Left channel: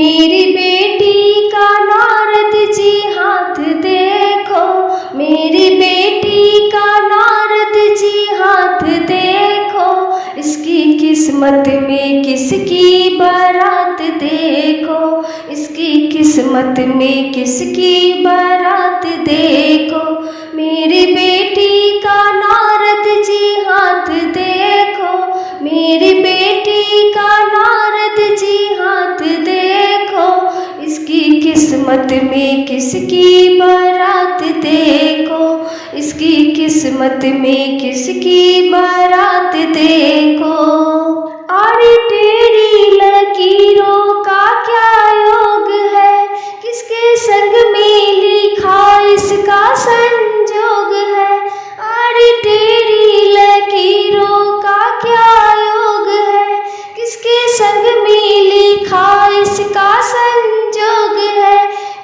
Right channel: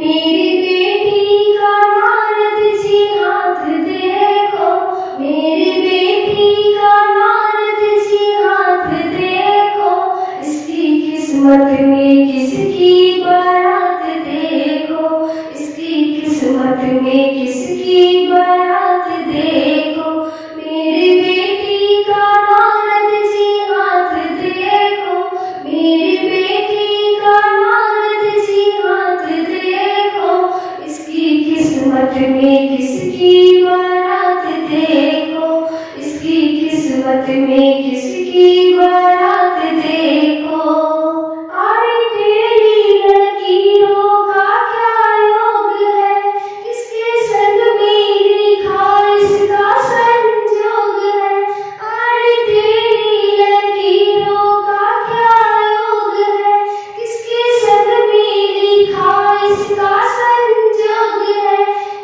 मेरी बेटी का नारद जी हाथ देखो, मेरी बेटी का नारद जी हाथ देखो, इसकी किस्मत में किसकी बारात देखो, इसकी किस्मत में किसकी बारात देखो। मेरी बेटी का नारद जी हाथ देखो, मेरी बेटी का नारद जी हाथ देखो, इसकी किस्मत में किसकी बारात देखो, इसकी किस्मत में किसकी बारात देखो। अरे तेरी लकीरों का क्या योग है, किसके संग में लिखा इसका संजोग है। अरे तेरी लकीरों का क्या योग है, किसके संग में लिखा इसका संजोग है।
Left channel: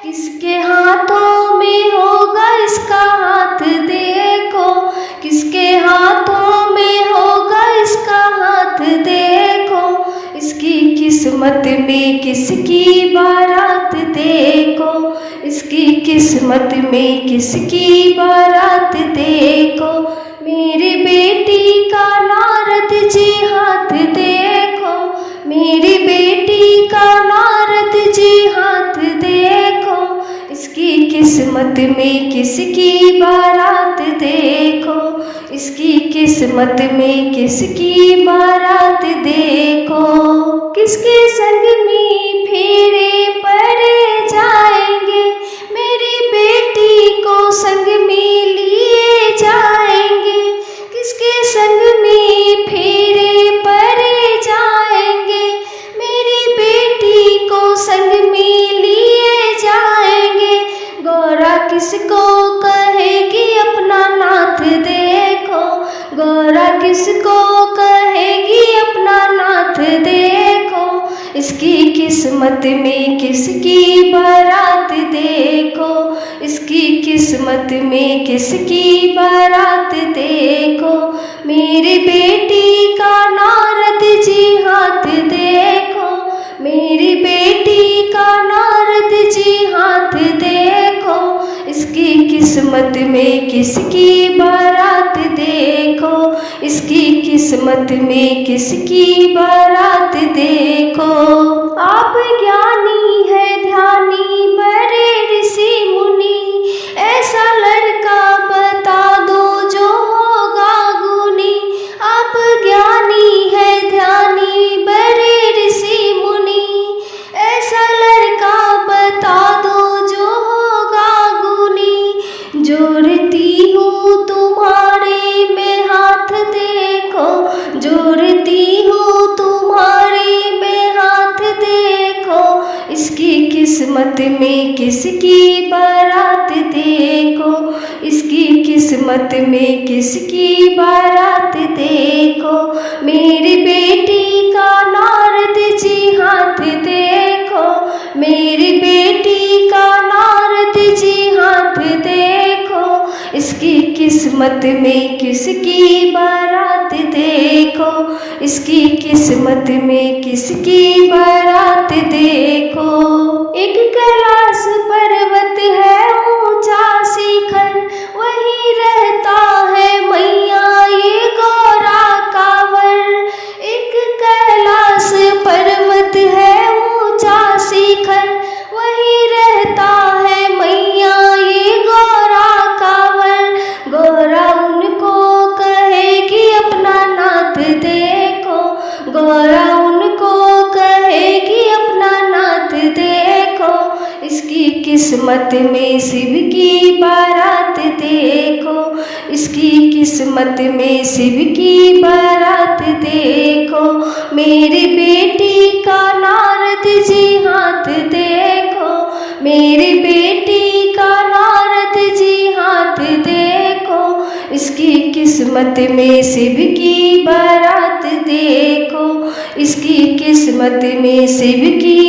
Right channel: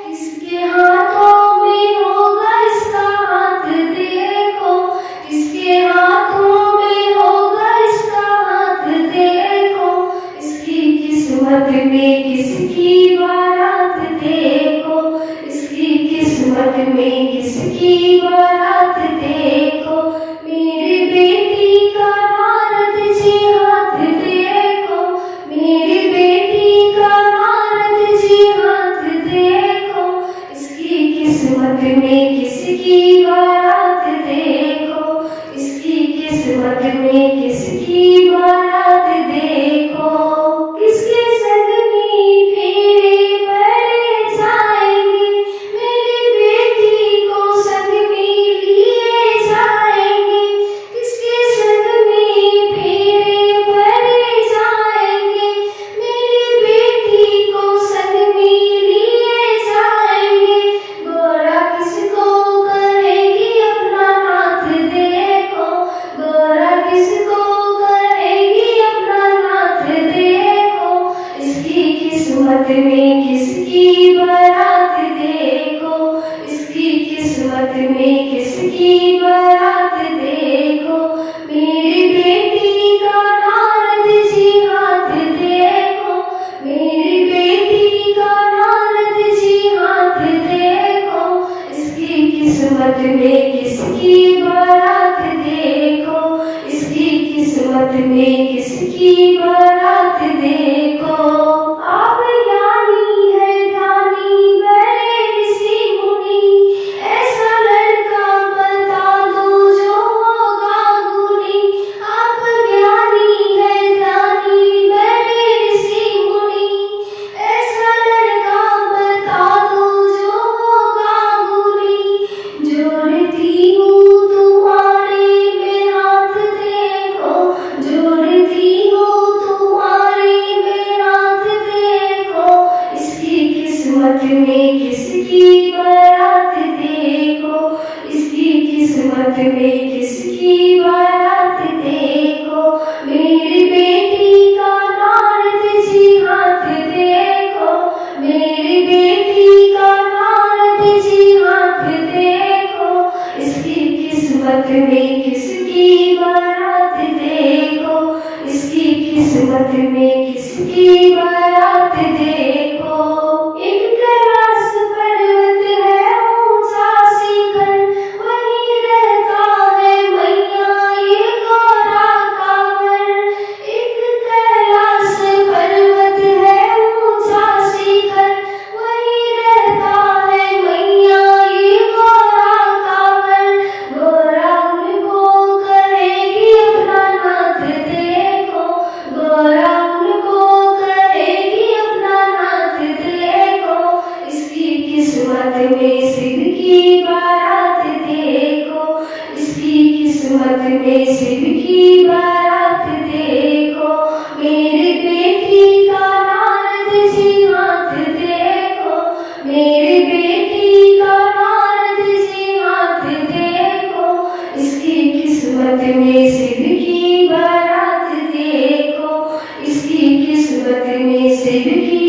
किसके हाथों में होगा इसका हाथ देखो, किसके हाथों में होगा इसका हाथ देखो, इसकी किस्मत में किसकी बारात देखो, इसकी किस्मत में किसकी बारात देखो। मेरी बेटी का नारद जी हाथ देखो, मेरी बेटी का नारद जी हाथ देखो, इसकी किस्मत में किसकी बारात देखो, इसकी किस्मत में किसकी बारात देखो। किसके संग में फेरे पड़े जाएंगे, मेरी बेटी को संग में लिए जाएंगे। किसके संग में फेरे पड़े जाएंगे, मेरी बेटी को संग में लिए जाएंगे। गौरा किसको कहेगी अपना नाथ देखो, गौरा किसको कहेगी अपना नाथ देखो, इसकी किस्मत में किसकी बारात देखो, इसकी किस्मत में किसकी बारात देखो। मेरी बेटी का नारद जी हाथ देखो, मेरी बेटी का नारद जी हाथ देखो, इसकी किस्मत में किसकी बारात देखो, इसकी किस्मत में किसकी बारात देखो। आप ज्ञानी है ध्यानी बड़े ऋषि मुनि, ऐसा लड़का बता दो जो होगा गुनी। आप ज्ञानी है ध्यानी बड़े ऋषि मुनि, ऐसा लड़का बता दो जो होगा गुनी। जोड़ती हूँ तुम्हारे में हाथ देखो, जोड़ती हूँ तुम्हारे में हाथ देखो, इसकी किस्मत में किसकी बारात देखो, इसकी किस्मत में किसकी बारात देखो। मेरी बेटी का नारद जी हाथ देखो, मेरी बेटी का नारद जी हाथ देखो, इसकी किस्मत में किसकी बारात देखो, इसकी किस्मत में किसकी बारात देखो। एक कैलाश पर्वत है ऊंचा शिखर, वहीं रहता है मैया ये गौरा कांवर। एक कैलाश पर्वत है ऊंचा शिखर, वहीं रहता है मैया ये गौरा कांवर। गौरा उनको कहेगी अपना नाथ देखो, गौरा उनको कहेगी अपना नाथ देखो, इसकी किस्मत में शिव की बारात देखो, इसकी किस्मत में शिव की बारात देखो। मेरी बेटी का नारद जी हाथ देखो, मेरी बेटी का नारद जी हाथ देखो, इसकी किस्मत में शिव की बारात देखो, इसकी किस्मत में शिव की